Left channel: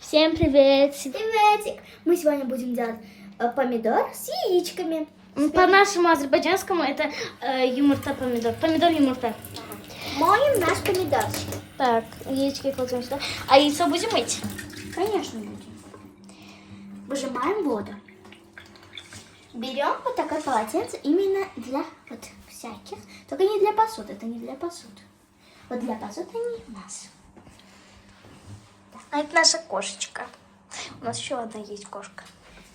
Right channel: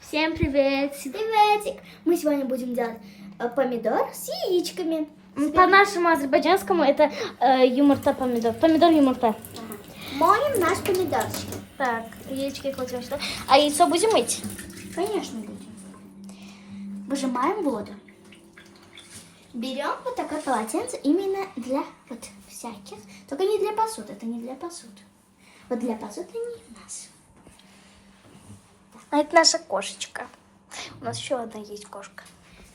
Всем привет! Приветик! Мы сегодня будем делать помидор с яичками. По-нашему азербайджанскому это юмурта помидор. Помидор юмурта. Ага. Моем наш помидорчик. Так, яички кладем сюда. А яйцо будем мыть? Конечно будем. Выжимаем воду. Берем вот такое полотенце именно для вот всяких. Только не для посуды, это не для посуды. Вот для посуды не у нас. А это наша кошечка. У нас еще одна есть кошка.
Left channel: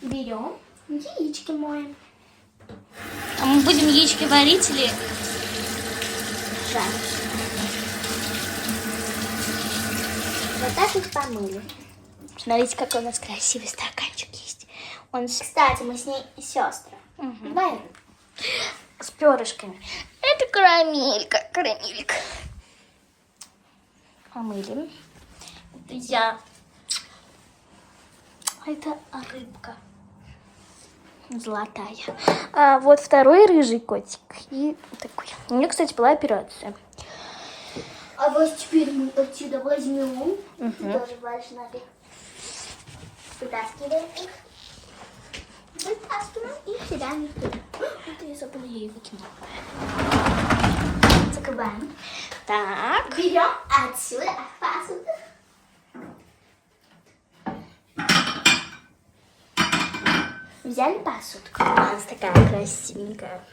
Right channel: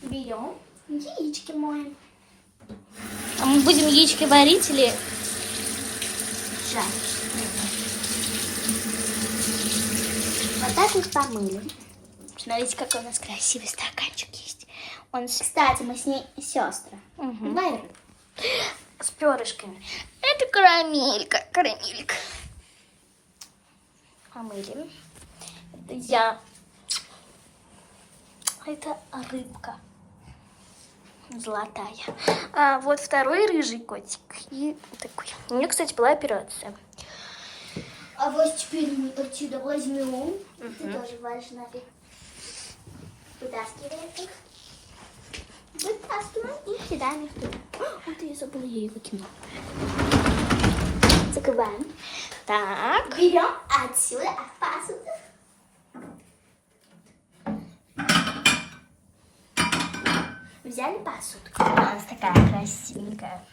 Берем, яички моем. А мы будем яички варить или Жарить. Вот так их помыли. Смотрите, какой у нас красивый стаканчик есть. Он Кстати, мы с ней сестры. Двоюродные. с перышками. Это карамелька. Карамелька. Помыли. Это я. А это рыбка. Золотая. А вот второй рыжий котик. И такой. У меня, кстати, была операция. А вот теперь мы отсюда возьмем. Ты тоже валишь нафиг. Вытаскиваем их. Вытаскиваем и кидаем их туда. Вот я забыла, я ее выкинула. Закрываем. Так. Берем отсюда посуду. Взяли посудку. У нас такая красивенькая.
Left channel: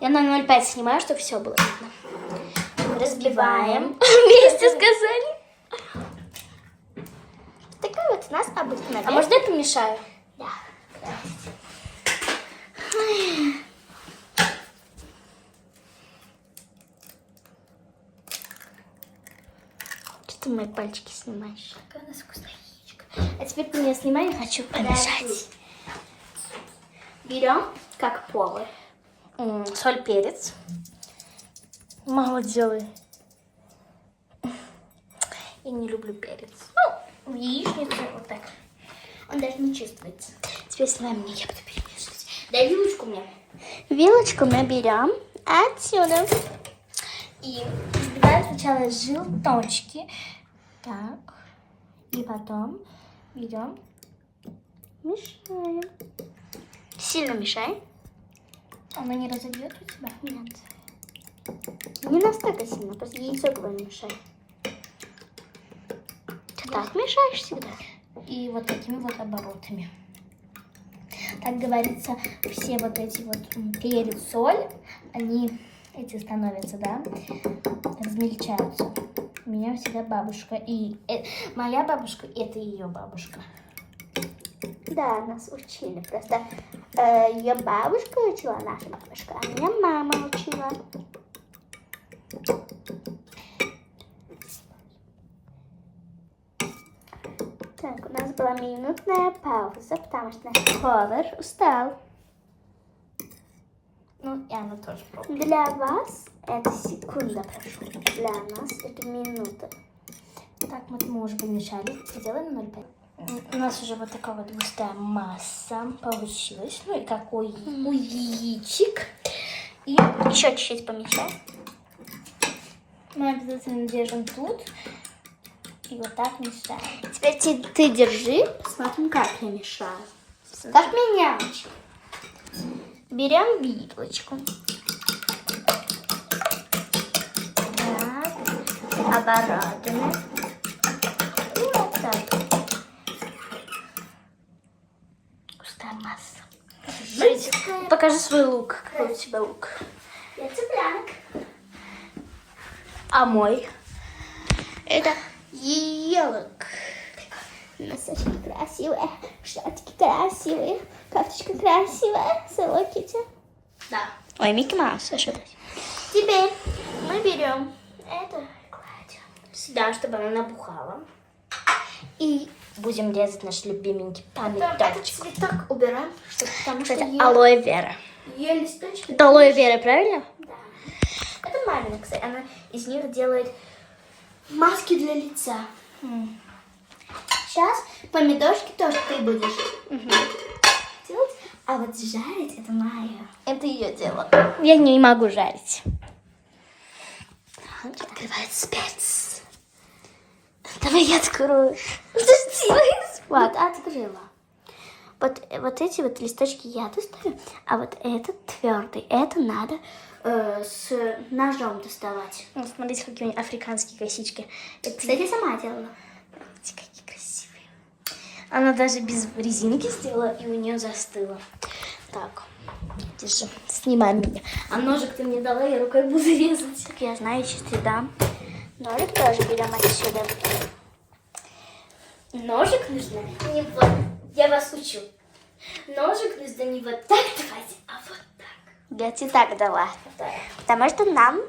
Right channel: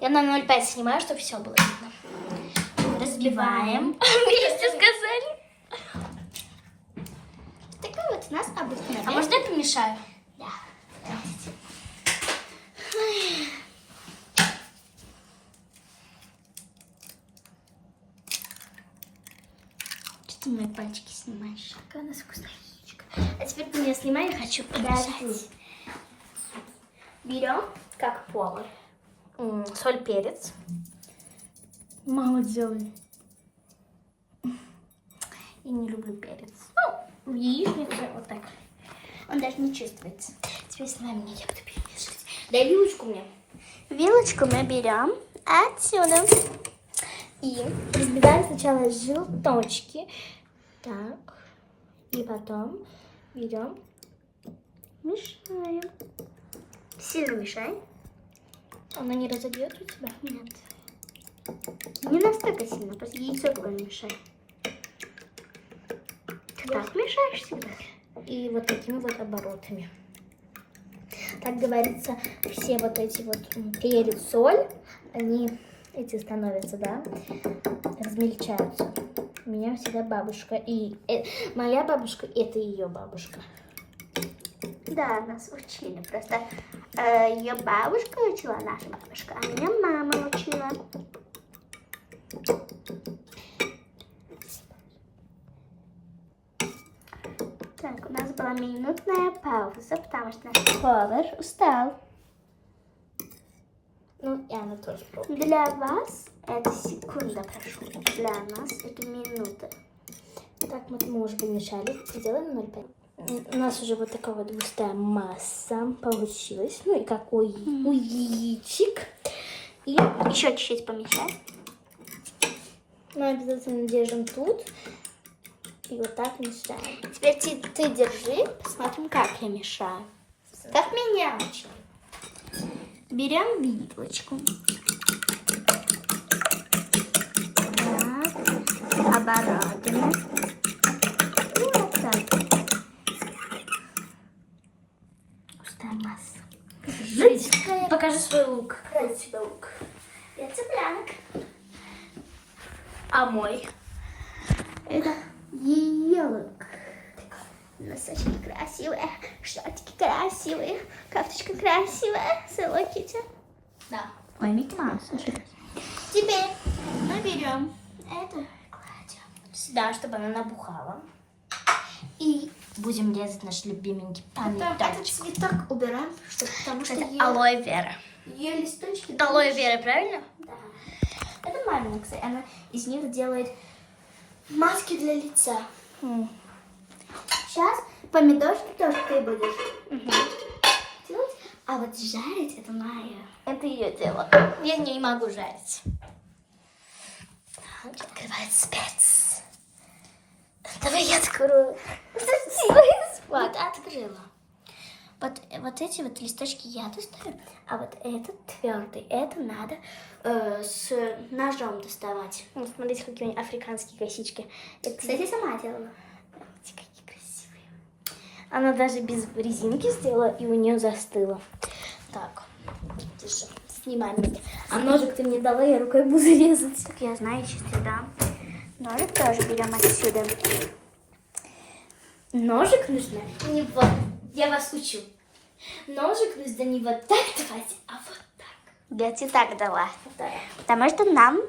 Я на 0,5 снимаю, чтобы все было видно. Разливаем. Вместе сказали. Такая вот у нас обыкновенная. А можно я помешаю? Да. Здрасте. Что ты мои пальчики снимаешь? Какая у нас вкусная яичко. А теперь ты меня снимай, я хочу помешать. Берем, как повар. Соль, перец. Мало делай. Я не люблю перец. Ну, в яичнице вот так. Он даже не чувствуется. Теперь снимай мне, я буду перемешивать. Дай вилочку мне. Вилочку мы берем отсюда. И разбиваем сначала желточки. Так. И потом берем, мешаем. Сильно мешаем. Оно не разобьет у тебя? Нет. Не настолько сильно, просто яйцо твое мешай. Ты так мешаешь всегда? И вот такими вот оборотами. Так говорится, все вот эти вот перец, соль, они эти становятся, да, размельчаются. У меня всегда бабушка, и моя бабушка, это ее бабушка. Да, нас учили. Просто ее бабушка учила, наша бабушка, а меня мама учила. Так, у нас была минутная пауза, потому что наш повар устал. Ну, и она тоже пробует. Для вас это секунда, прошу. Для нас это минута. Так, мы уже помешали. Сделаем 0,5. У нас уже вот такая вот густая масса получилась. Ну и как у яичек. И Еще чуть-чуть помещаем. мы обязательно держим тут. И вот так мешаем. Теперь ты держи, посмотрим, как я мешаю. Как меня учил. Берем вилочку. Так, оборачиваем. И вот так. Густая масса. Покажи свой лук. Какой у тебя лук? Я цыпленок. А мой? Это елок. Носочки красивые, шортики красивые, кофточка красивая, Hello Kitty. Да. Ой, Микки Маус. А что это? Теперь мы берем это, кладем Сюда, чтобы она набухала. И будем резать наш любименький Этот помидорчик. цветок убираем, потому что Кстати, алоэ вера. ее листочки. Это алоэ вера, правильно? Да. Это мамина, кстати, она из них делает маски для лица. Сейчас помидорчики тоже ты будешь делать, а вот жарить это моя. Это ее дело. Я не могу жарить. Так, открывается перец. Давай я открою. Подожди. Вот, открыла. Вот эти вот листочки я достаю, а вот этот твердый. Это надо с ножом доставать. Вот, смотрите, какие у меня африканские косички. Это... Кстати, сама делала. Смотрите, какие красивые. Она даже без резинки сделала, и у нее застыла. Так, держи, снимай меня. А ножик ты мне дала, я рукой буду резать. Так я знаю, чистый, да. Ножик тоже берем отсюда. Ножик нужно не вот, я вас учу. Ножик нужно не вот так давать, а вот так. Я тебе так дала. Да. Потому что нам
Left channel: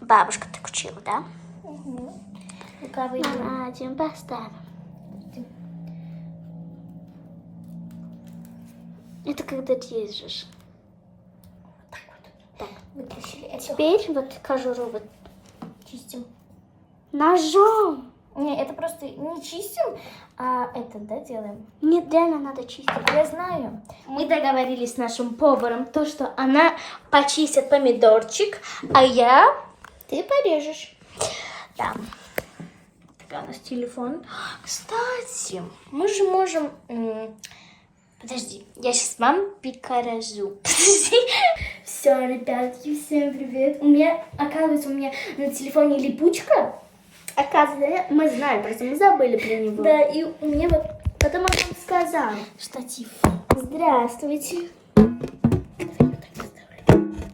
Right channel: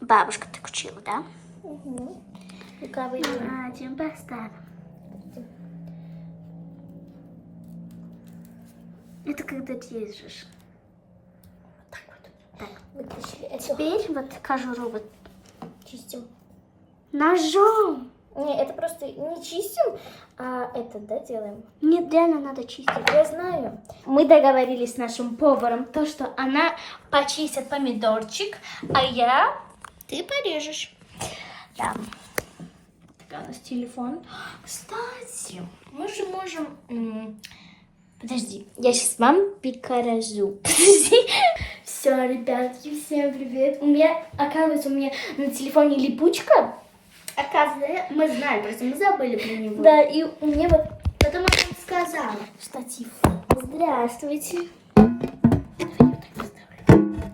бабушка так учила, да? Угу. Рукавы Один поставим. Это когда режешь. Вот так вот. Так. Вытащили это. Теперь вот кожуру вот Чистим. ножом. Не, это просто не чистим, а это, да, делаем. Нет, реально надо чистить. Я знаю. Мы договорились с нашим поваром, то, что она почистит помидорчик, а я... Ты порежешь. Да. Так, у нас телефон. Кстати, мы же можем... Подожди, я сейчас вам покажу. Подожди. Все, ребятки, всем привет. Оказывается, у меня на телефоне липучка. Оказывается, мы знаем, просто мы забыли про него. Да, и у меня вот Потом он нам сказал. штатив. Здравствуйте. Давай я так поставлю.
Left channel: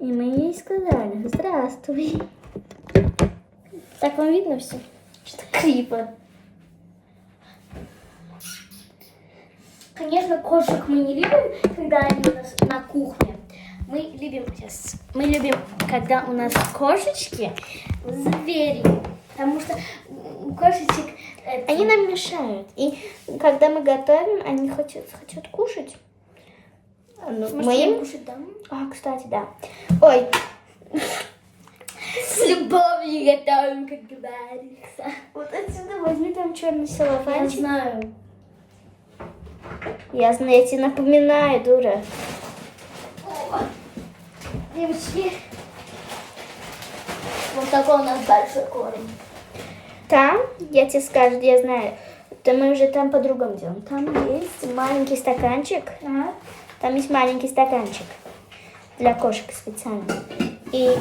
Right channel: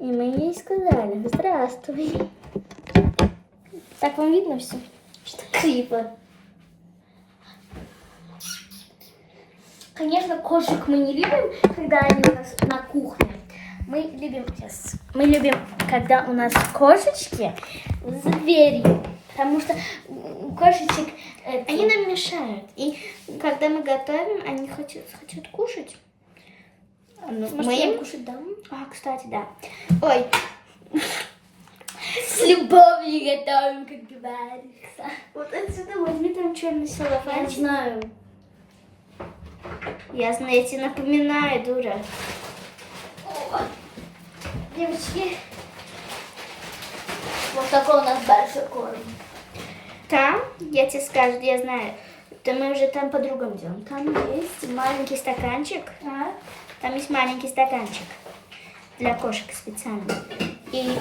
И мы ей сказали, здравствуй. Так вам видно все? Что криво. Конечно, кошек мы не любим, когда они у нас на кухне. Мы любим, когда у нас кошечки за дверью. Потому что у кошечек... Они нам мешают. И когда мы готовим, они хотят кушать. Может, мы я им кушать дам? А, кстати, да. Ой, С любовью готовим, как говорится. вот отсюда возьми там черный целлофан. Я знаю. Ясно, я тебе напоминаю, дура. Девочки, вот такой у нас большой корм. Там, я тебе скажу, я знаю, то мы уже там по-другому делаем. Там есть маленький стаканчик. А? Там есть маленький стаканчик для кошек специально. И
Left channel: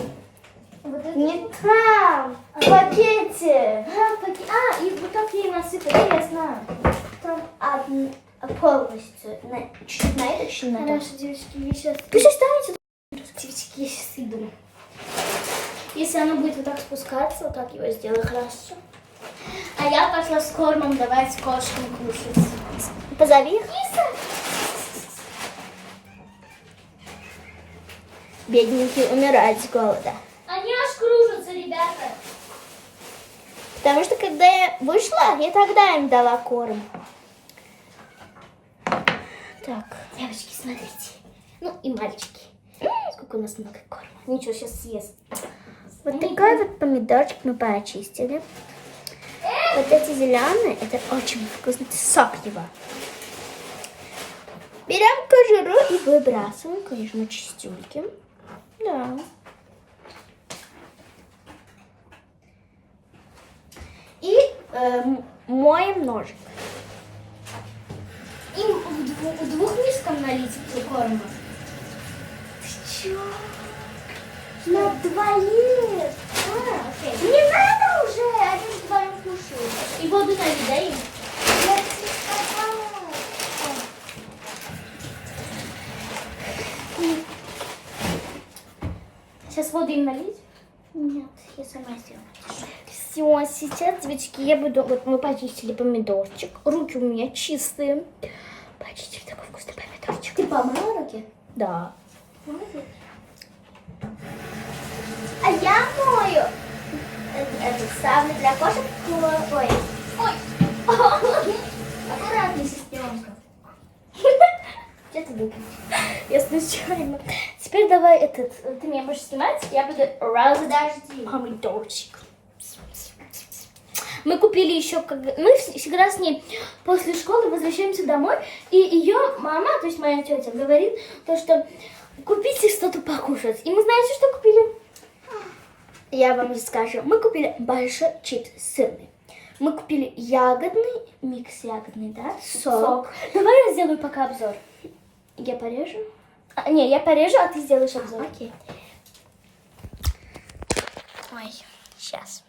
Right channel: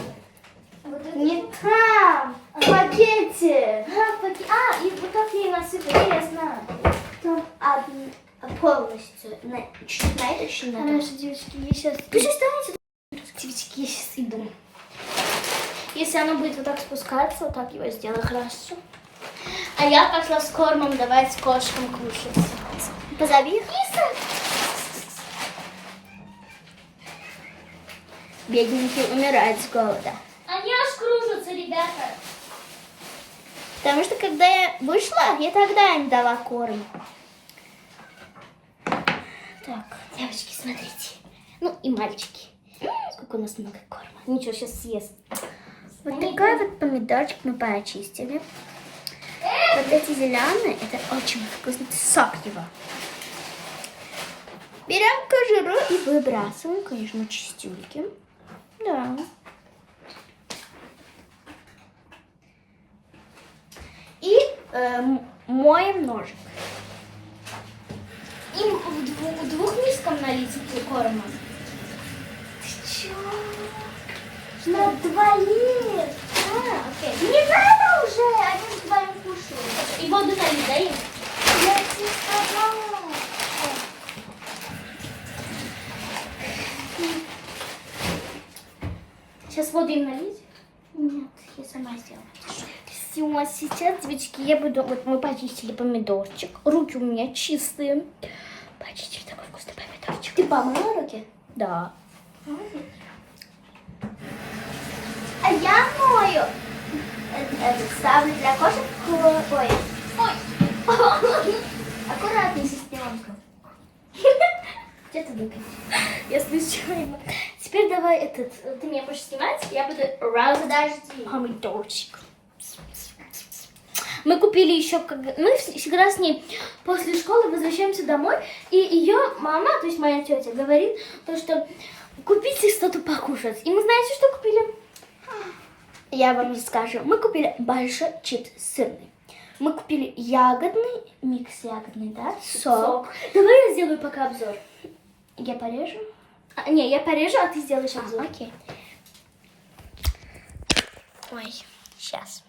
Вот это... не там, в пакете. и вот так я и насыпала, я знаю. Там полностью. Чуть на это, чуть на то. Хорошо, девочки, я сейчас... Ты сейчас ставите? Девочки, я сейчас иду. Если она будет вот так спускаться, вот так его сделаю хорошо. А я пошла с кормом давать кошкам кушать. Позови их. Бедненькие умирают с голода. Они аж кружатся, ребята. Потому что когда я вышла, я тогда им дала корм. Так. Девочки, смотрите. Ну и мальчики. Сколько у нас много корма. Ничего, сейчас съест. Вот такой вот помидорчик мы почистили. Вот эти зеленые, это очень вкусный сок его. Берем кожуру и выбрасываем, конечно, чистюльки. Да. И моем ножик. Им в двух мисках налить для корма. Ты чё? На двоих. Окей. Не надо уже, один вдвоем кушает. И воду-то не даем. Я тебе сказала. Сейчас воду им налить. Нет, я сама сделаю. Все, сейчас, девочки, я буду... Вот мы почистили помидорчик. Руки у меня чистые. Почистили такой вкусный помидорчик. Ты помыла руки? Да. А я мою. Это ставлю для кошек. Ой. Ой. Аккуратней, сестренка. Где ты выпил? Я случайно. Теперь давай этот... Ты меня будешь снимать, я буду Подожди. помидорчик. Мы купили еще... Мы всегда с ней после школы возвращаемся домой, и ее мама, то есть моя тетя, говорит, то, что купите что-то покушать. И мы знаете, что купили? я вам расскажу. Мы купили большой чипс сырный. Мы купили ягодный, микс ягодный, да? Сок. Давай я сделаю пока обзор. Я порежу? Не, я порежу, а ты сделаешь обзор. Окей. Ой, сейчас.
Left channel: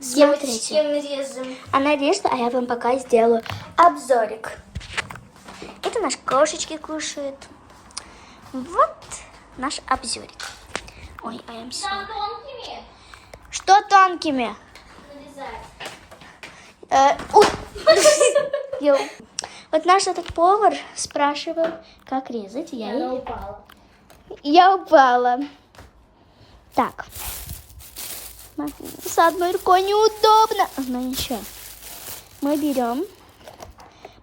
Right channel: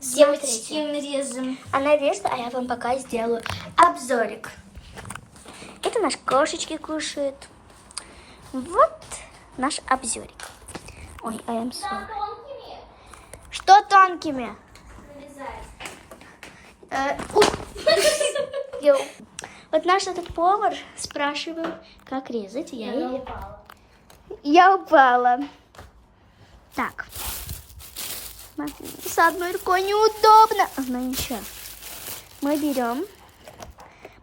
Девочки, Смотрите. нарежем. Она режет, а я вам пока сделаю обзорик. Это наши кошечки кушают. Вот наш обзорик. Ой, I'm sorry. Тонкими Что тонкими? нарезать. Йоу. Вот наш этот повар спрашивал, как резать. Она упала. Я упала. Так. С одной рукой неудобно. Ну ничего. Мы берем.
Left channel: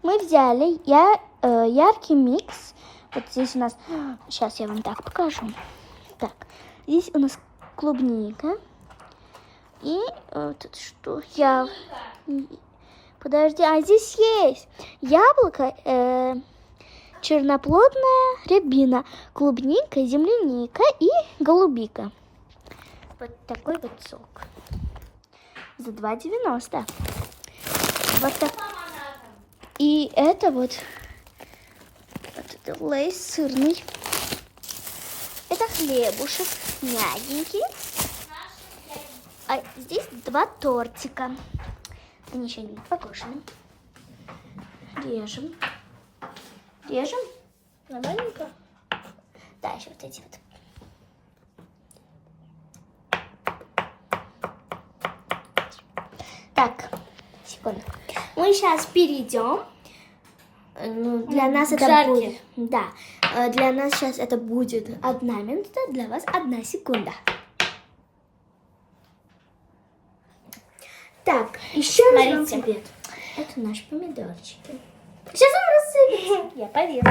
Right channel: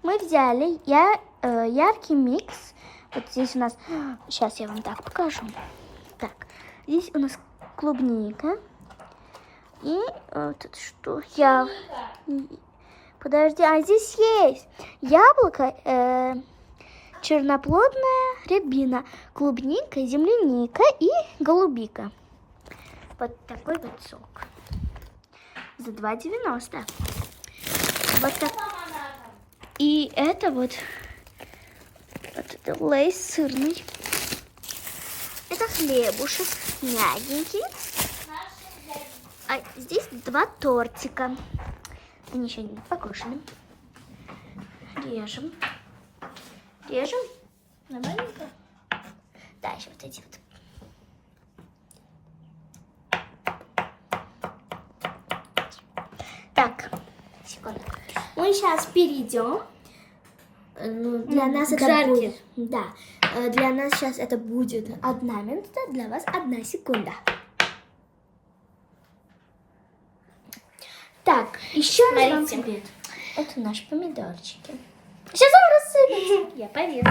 Мы взяли яркий микс. Вот здесь у нас... Сейчас я вам так покажу. Так. Здесь у нас клубника. И тут что? Подожди, а здесь есть яблоко, черноплодная рябина, клубника, земляника и голубика. Вот такой вот сок. За 2,90. Вот так. И это вот это лейс сырный. Это хлебушек мягенький. А здесь 2 тортика. Они еще не покушали. Режем. Режем. Нормальненько? Да, еще вот эти вот. Так, секунду. Мы сейчас перейдем. Ну, для нас к это жарке. будет. Да. Для нас сейчас это будет 1 минута, для вас 1 секунда. Так, еще раз вам Смотрите. привет. Это наши помидорчики. Сейчас он рассыпется. Я порежу.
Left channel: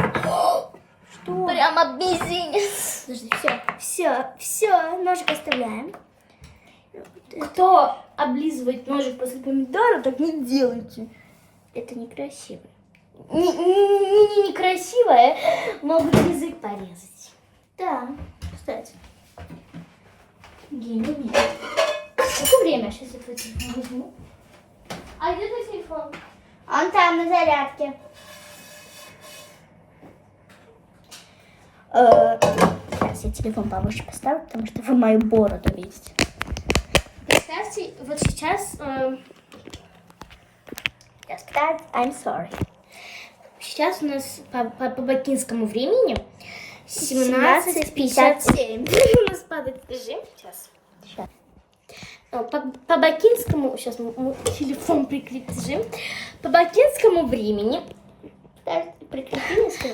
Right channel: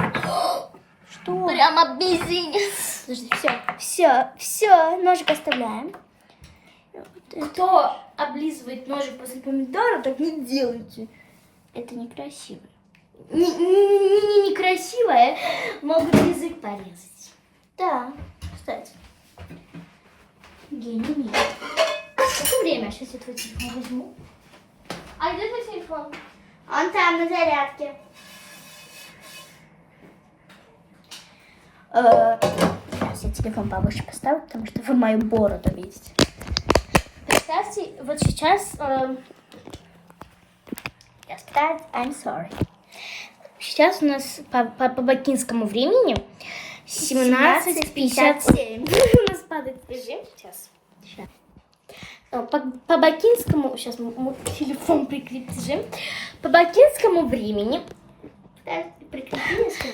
Что? Прямо мизинец. Подожди, все, ножик оставляем. Кто облизывает ножик после помидора, так не делайте. Это некрасиво. Некрасивое, могут язык порезать. Да, кстати. Гений. Сколько время? Сейчас я твой телефон возьму. А где твой телефон? Он там на зарядке. Сейчас я телефон повыше поставлю, потому что вы мою бороду видите. Представьте, вот сейчас... I'm sorry. Сейчас у нас по бакинскому времени 17:57. У нас падает режим. Сейчас. По бакинскому... Сейчас мы телефон прикрепим. По бакинскому времени...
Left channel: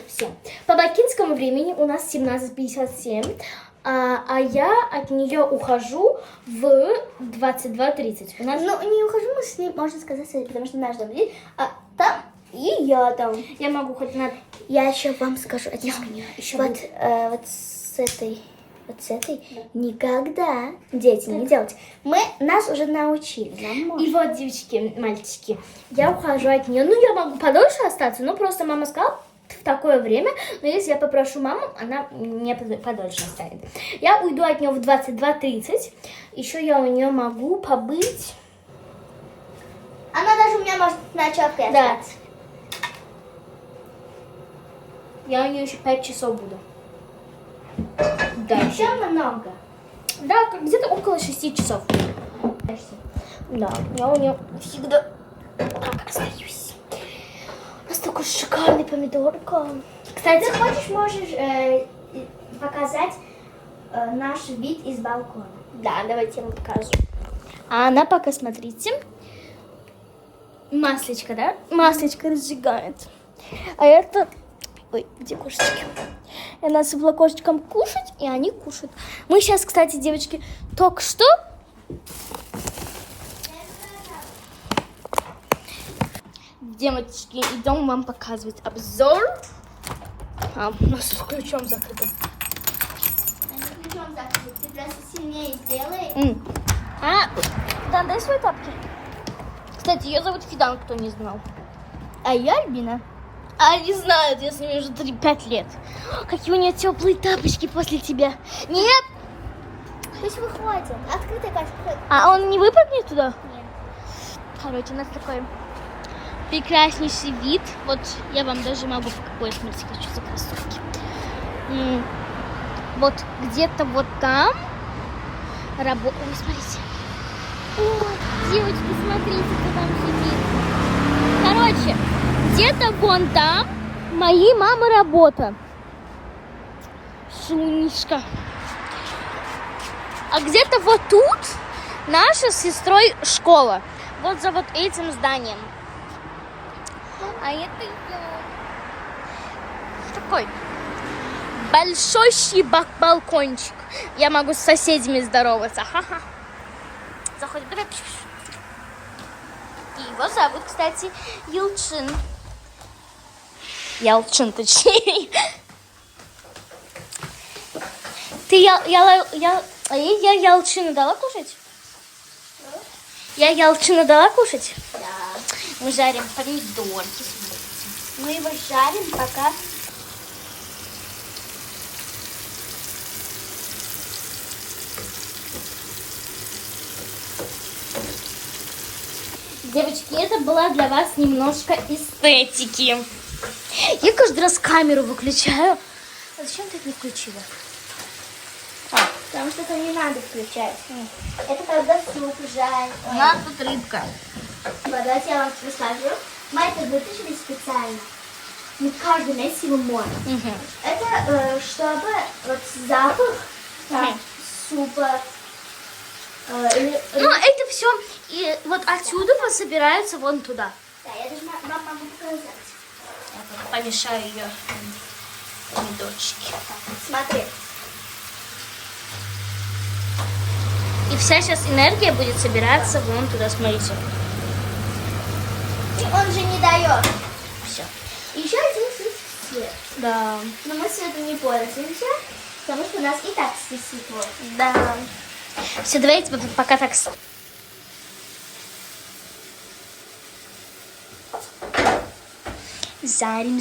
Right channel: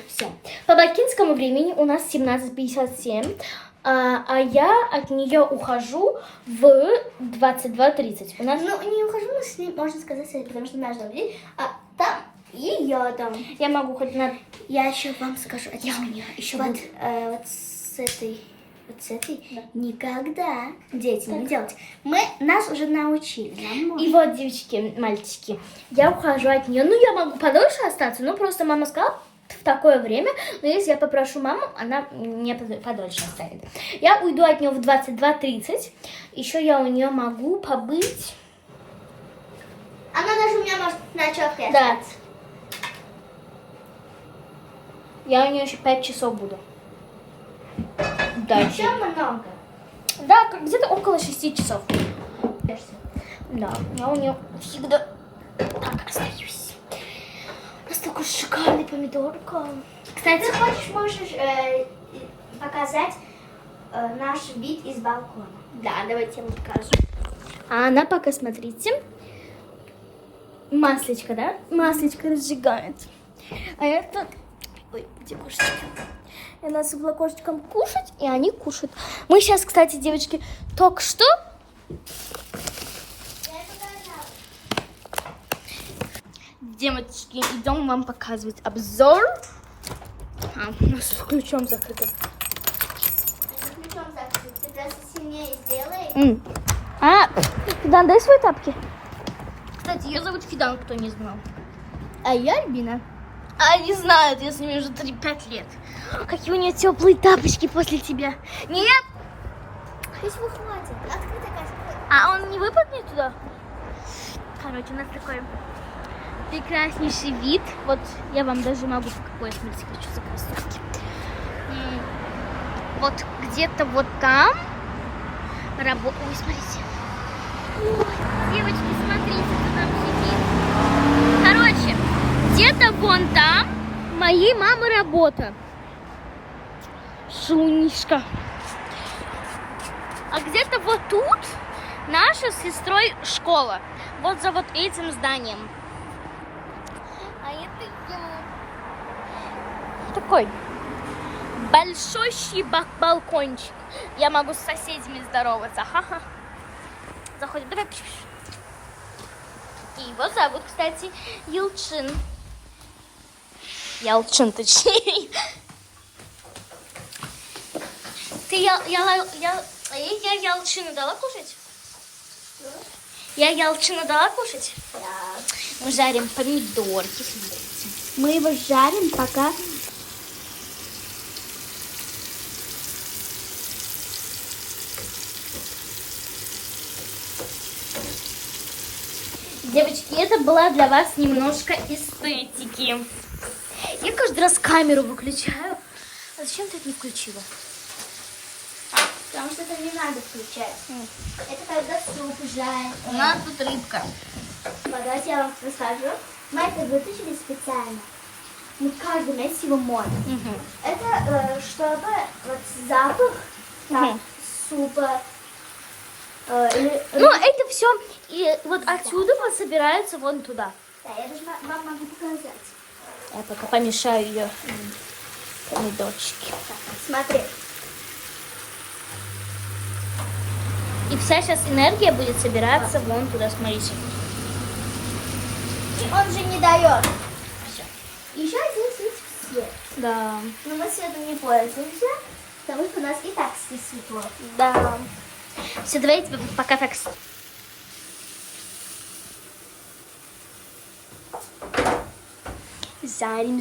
Все. По бакинскому времени у нас 17:57. А я от нее ухожу в 22:30. У нас... Ну, не ухожу, мы с ней, можно сказать, потому что наш дом здесь, а там и я там. Я могу хоть на... Я еще вам скажу, это Я у нее еще вот, будет. вот с этой никогда дети не делать. Нас уже научили. И вот, девочки, мальчики, я ухожу от нее. Ну, я могу подольше остаться, но просто мама сказала в такое время, но если я попрошу маму, она мне подольше оставит. Я уйду от нее в 22:30. Еще я у нее могу побыть. Она даже у меня может на чёрте. Да. Я у нее еще 5 часов буду. Да, Еще много. Да, где-то около 6 часов. Да, я у нее всегда так остаюсь. У нас такой шикарный помидорка. Кстати, ты хочешь, можешь показать наш вид из балкона. Да, давайте я вам покажу. А она пока, смотрите, маслечко, да? Маслечко разжигает. А это... Ой, где кошечки? Я насыпала кошечкам кушать, и они кушают. Мы сейчас, кстати, девочки, только что... Девочки, идем вам показывать обзор. У нас с ключом закрыто. Ключом закрыть. Ты просто сильнее сделай. Фидан, дай свои тапки. Кстати, ее зовут Фидан, кто не знал. А я Альбина. А не знают, я с ними уже 5 лет. Какие у нее теплые тапочки после тебя. Нет! Пусть выходит. Открытая каша. А он не выпрыгнет туда? Короче, у нас такой прекраснейший вид. Вот я вам даже могу в какой смысле хочу за кроссовки. И вот где-то вот там работа. Ой, смотрите. О, девочки, смотрите, кто там сидит. Короче, где-то вон там моей мамы работа. Шунишка. А где-то вот тут наша с сестрой школа. Вот за вот этим зданием. А это я. Такой большущий балкончик. Я могу с соседями здороваться. Ха-ха. Заходим. Давай. И его зовут, кстати, Елчин. Ялчин, точнее. Ты я Ялчину дала кушать? Я Ялчину дала кушать? Да. Мы жарим помидорки. Мы его жарим, пока... Девочки, это была для вас немножко эстетики. Я каждый раз камеру выключаю. А зачем ты это не включила? Потому что это не надо включать. Это когда суп жарит. У нас тут рыбка. Давайте я вам расскажу. Мы это вытащили специально. Не каждый месяц его моем. Это чтобы вот запах там, супа. Ну, это все. И вот отсюда вот собираются вон туда. Да, я даже могу показать. Я только помешаю ее помидорчики. Смотри. И вся сейчас энергия будет собираться вон туда, смотрите. Он же не дает. Все. Еще здесь есть свет. Да. Но мы светом не пользуемся, потому что у нас и так здесь светло. Да. Все, давайте пока так. Зарим.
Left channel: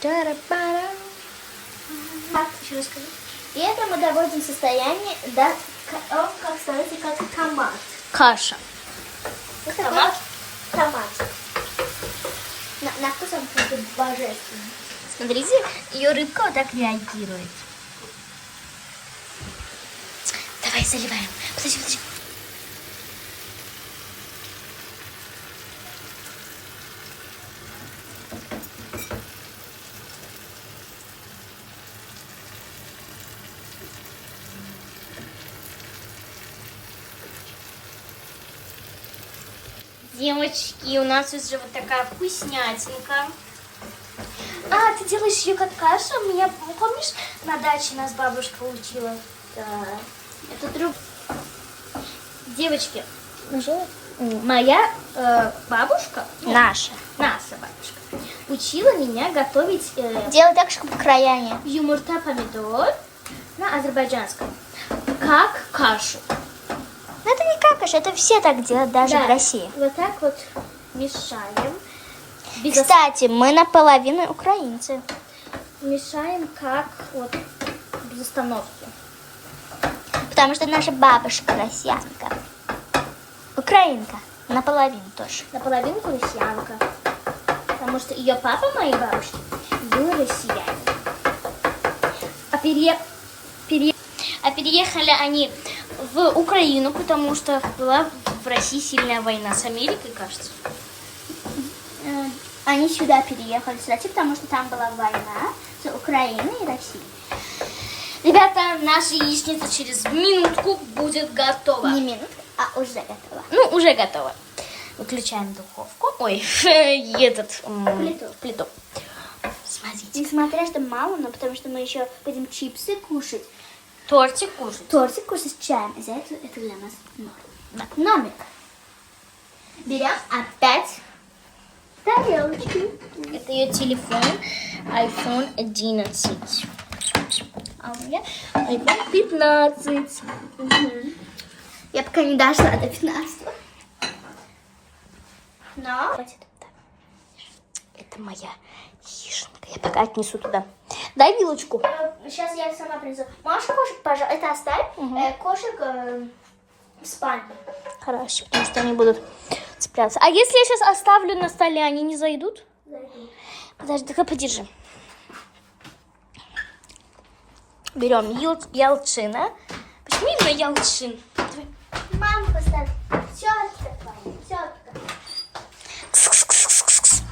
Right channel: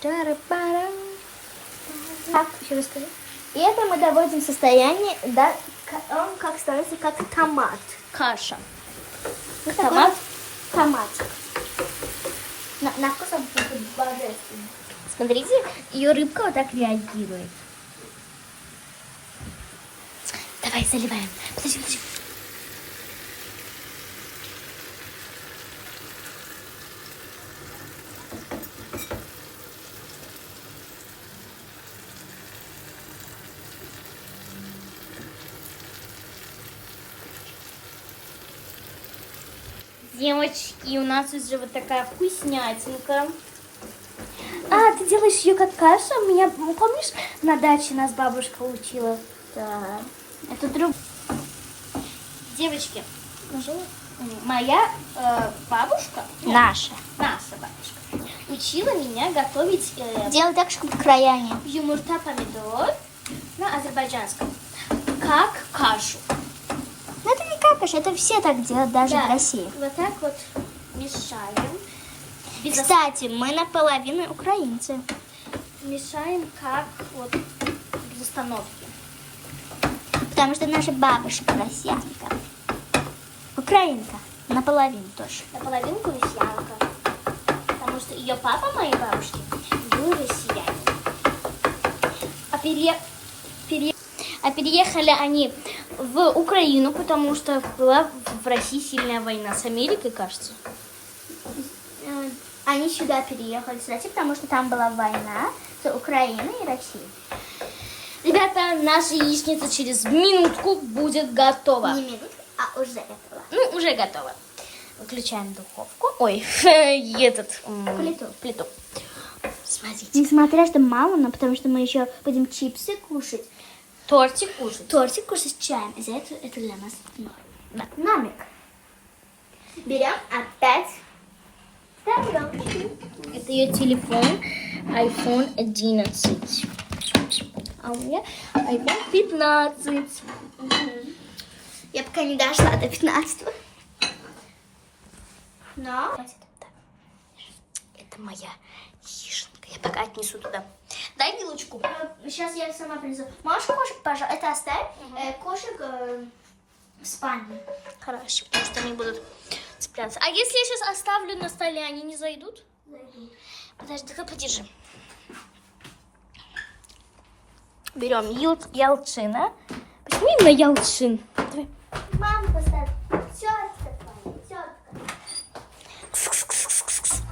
Тара-пара. Так, еще расскажи. И это мы доводим в состояние, да, он как становится как томат. Каша. Томат? Томат. На вкус он просто божественный. Смотрите, ее рыбка вот так реагирует. Давай заливаем. Подожди. Девочки, у нас уже вот такая вкуснятинка. А, ты делаешь ее как кашу? У меня, помнишь, на даче нас бабушка учила? Да. Это друг. Девочки, моя бабушка, Наша. наша бабушка, учила меня готовить Делай так, чтобы краяне. юмурта помидор на азербайджанском, как кашу. Ну это не как каша, это все так делают, даже Да, в России. Вот так вот мешаем. Кстати, мы наполовину украинцы. Мешаем как вот без остановки. Потому что наша бабушка россиянка. Украинка. Наполовину тоже. Наполовину россиянка. Потому что ее папа моей бабушки был россиянин. А переехали они в Украину, потому что была в России сильная война с Америкой, кажется. Они сюда переехали, кстати, потому что там была война с Украиной и Россией. Ребята, наша яичница через минутку будет готова. Не минутку, а уже готова. Ну, уже готова. Выключаем духовку. Ой, плиту. Смотрите. Несмотря что мало, но потому что мы еще будем чипсы кушать. Тортик кушать. Тортик кушать с чаем. И за это для нас норм. Да. Номик. Берем опять тарелочку. Это ее телефон. iPhone 11. А у меня iPhone 15. Я пока не дошла до 15. Но Это моя яишенка. Я пока отнесу туда. Дай вилочку. Сейчас я сама принесу. Можешь кошек, пожалуйста, это оставь. Кошек в спальне. Хорошо, потому что они будут цепляться. А если я сейчас оставлю на столе, они не зайдут? Зайду. Подожди, давай подержи. Берем ялчина. Почему именно ялчин? Мама поставь. Все, все. Кс-кс-кс-кс-кс.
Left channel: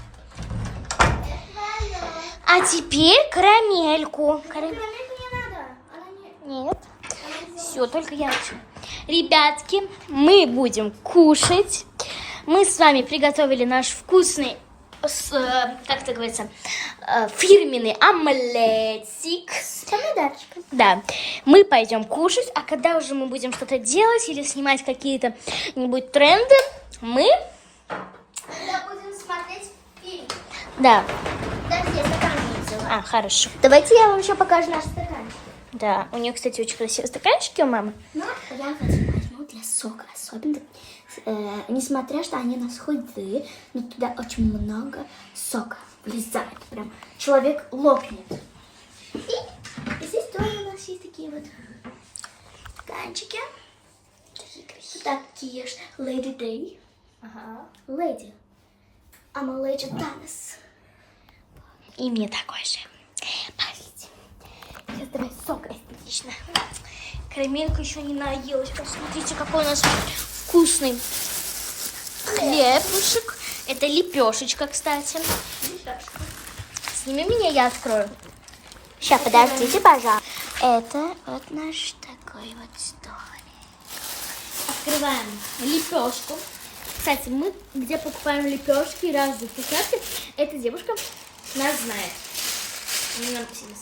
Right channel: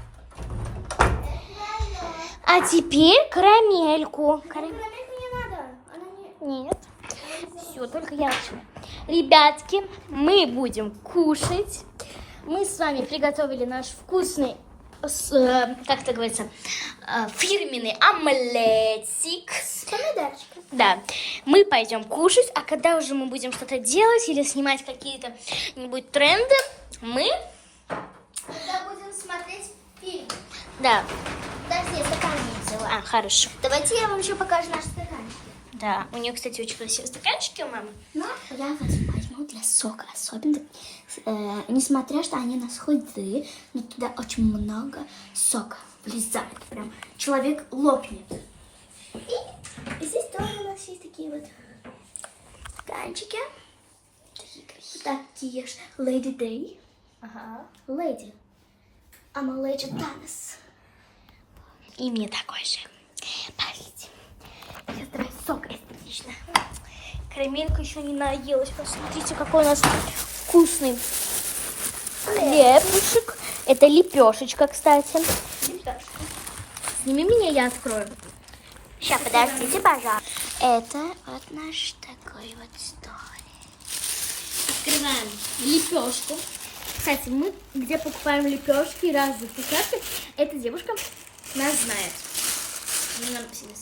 А теперь карамельку. Карамельку не надо. Она не... Нет. Все, только ялчин. Ребятки, мы будем кушать. Мы с вами приготовили наш вкусный, как это говорится, фирменный омлетик. С помидорчиком. Да, мы пойдем кушать, а когда уже мы будем что-то делать или снимать какие-то-нибудь тренды, мы... Когда будем смотреть фильм. Да, Даже я стаканчик взяла. хорошо. Давайте я вам еще покажу наш стаканчик. Да, у нее, кстати, очень красивые стаканчики у мамы. Но я возьму для сока. Особенно, несмотря что они у нас худые, но туда очень много сока влезает. Прям человек лопнет. И здесь тоже у нас есть такие вот стаканчики. Такие красивые. Такие же. Lady Day. Ага. Lady. I'm a Lady Dennis. И мне такой же. Пойдите. Сейчас давай сок эстетично. Карамелька еще не наелась. Посмотрите, какой у нас вкусный хлебушек. Это лепешечка, кстати. Сними меня, я открою. Сейчас, подождите, пожалуйста. Это вот наш такой вот столик. Открываем лепешку. Кстати, мы где покупаем лепешки и разные вкусняшки, эта девушка нас знает. У меня написано.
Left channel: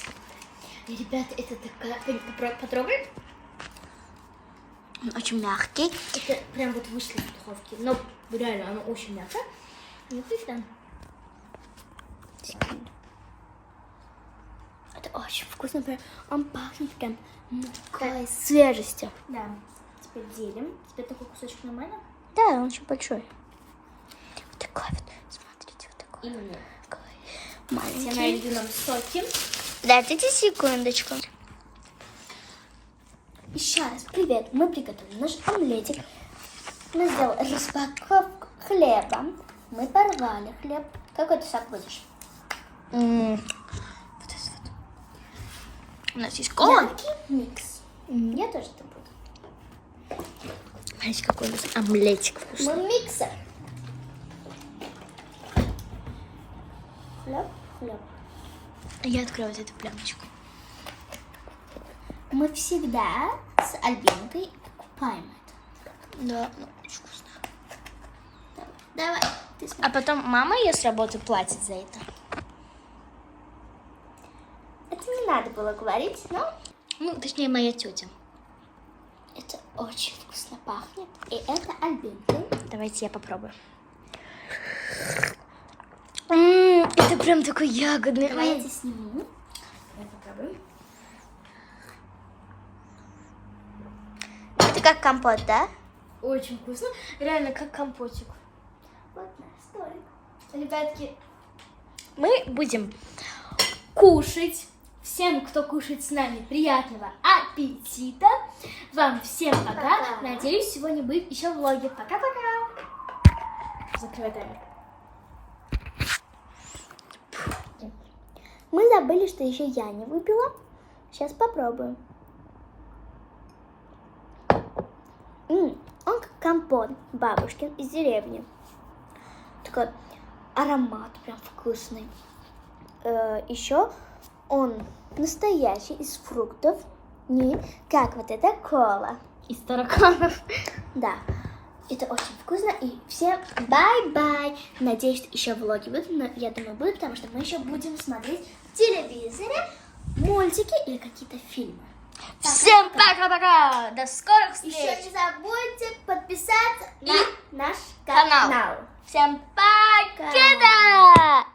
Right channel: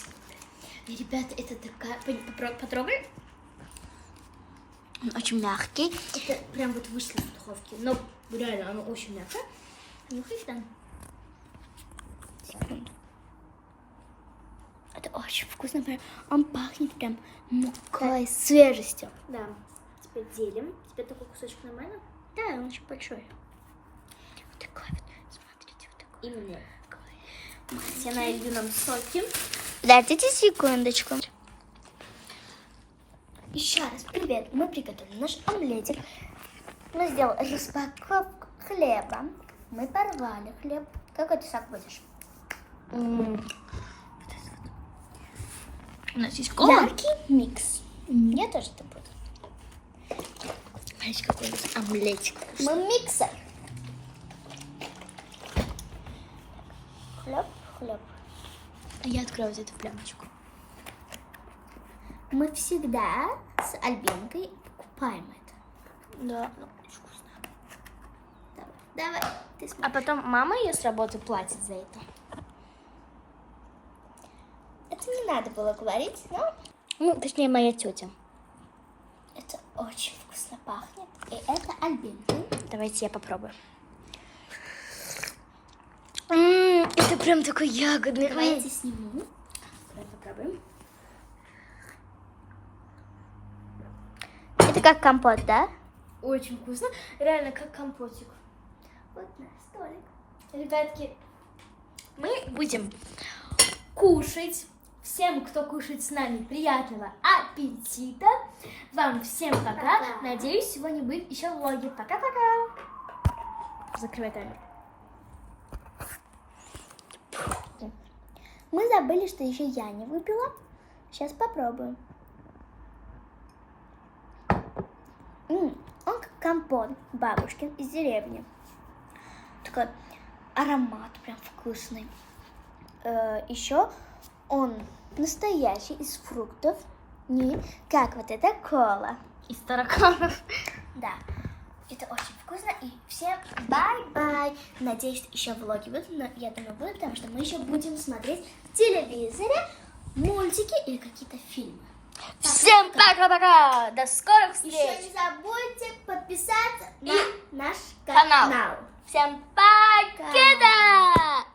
Ребята, это такая... Потрогай. Он очень мягкий. Это прям вот вышли из духовки. Но реально, оно очень мягкое. Нюхаешь, да? Секунду. Это очень вкусно. Прям, он пахнет прям мукой, свежестью. Да. Теперь делим. Теперь такой кусочек нормально? Да, он очень большой. Вот такой вот. Смотрите, вот такой. Именно. Маленький. Я налью нам соки. Дайте секундочку. Еще раз, привет. Мы приготовили наш омлетик. Мы сделали распаковку хлеба. Мы порвали хлеб. Какой ты сок будешь? Вот это вот. У нас есть кола. Яркий микс. Я тоже это буду. Знаете, какой у нас омлетик вкусный. Мы миксер. Хлеб. Я открою вот эту плямочку. Мы всегда с Альбинкой покупаем это. Да, ну очень вкусно. Давай. Ты смотри. А потом мама ее с работы платит за это. Это не надо было говорить, но Ну, точнее, моя тетя. это очень вкусно пахнет. И это Альбинка. Давайте я попробую. Это прям такой ягодный. Давайте сниму. Давай попробуем. Это как компот, да? Очень вкусно. Реально, как компотик. Вот наш столик. Ребятки, мы будем кушать. Всем, кто кушает с нами, приятного аппетита. Вам всем пока. Пока. Надеюсь, сегодня будет еще влоги. Пока-пока. Закрывай камеру. Мы забыли, что еще я не выпила. Сейчас попробуем. Он как компот бабушкин из деревни. Такой аромат прям вкусный. Еще он настоящий, из фруктов. Не как вот эта кола. Из тараканов. Да. Это очень вкусно. И всем бай-бай. Надеюсь, что еще влоги будут. Но я думаю, будут, потому что мы еще будем смотреть в телевизоре мультики или какие-то фильмы. Всем пока-пока. До скорых встреч. Еще не забудьте подписаться на наш канал. канал. Всем пока.